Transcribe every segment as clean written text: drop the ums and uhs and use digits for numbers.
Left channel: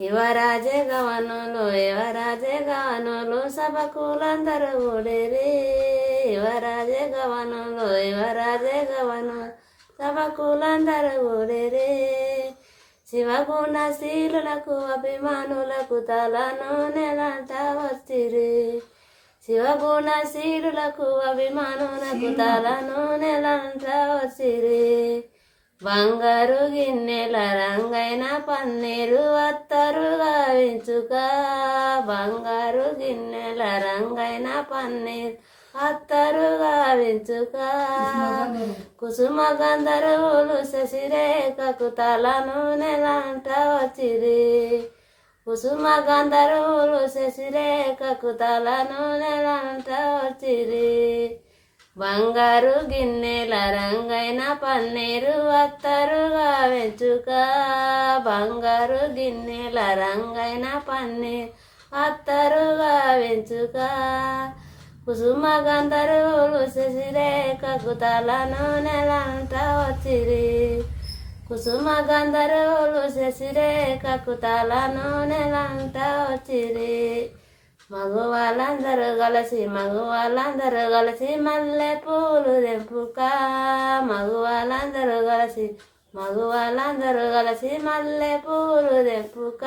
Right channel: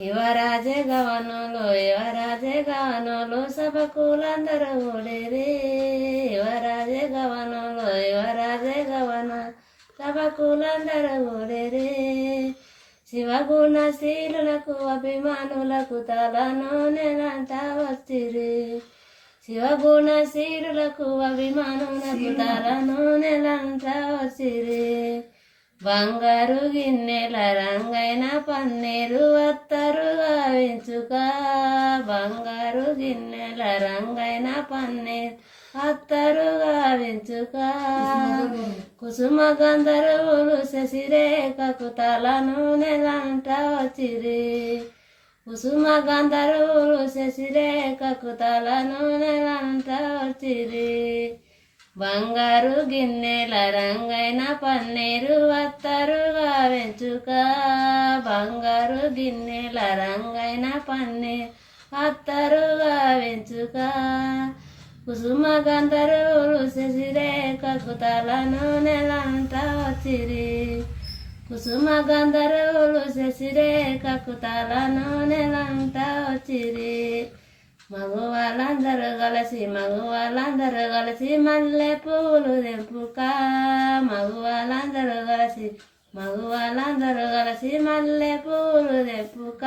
యువరాజే గవనులు సభకులందరూ ఓడేరే. యువరాజే గవనులు సభకులందరూ ఓడేరే. శివగుణ శీలులకు అభిమానులకు తలను నెలంట వచ్చిరి. శివగుణ శీలులకు అభిమానులకు తలను నెలంట వచ్చిరి. బంగారు గిన్నెల రంగైన పన్నీరు అత్తరు గావించుక. బంగారు గిన్నెల రంగైన పన్నీరు అత్తరు గావించుక. కుసుమ గంధర్వులు శశిరేఖకు తలను నెలంట వచ్చిరి. కుసుమ గంధర్వులు శశిరేఖకు తలను నెలంట వచ్చిరి. బంగారు గిన్నెల రంగైన పన్నీరు అత్తరు గావించుక. బంగారు గిన్నెల రంగైన పన్నీరు అత్తరు గావించుక. కుసుమ గంధర్వులు శశిరేఖకు తలను నెలంట వచ్చిరి. కుసుమ గంధర్వులు శశిరేఖకు తలను నెలంట వచ్చిరి. మగవాళ్ళందరూ కలిసి మల్లె పూలు తెంపుక. మగవాళ్ళందరూ కలిసి మల్లె పూలు తెంపుక.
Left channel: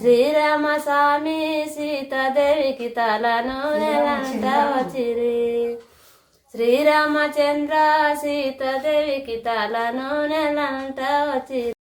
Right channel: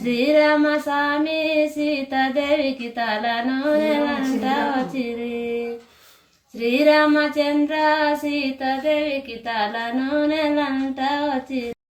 శ్రీరామ స్వామి సీతాదేవికి తలను నెలంట వచ్చిరి. శ్రీరామచంద్ర సీతాదేవికి తలను నెలంట వచ్చిరి.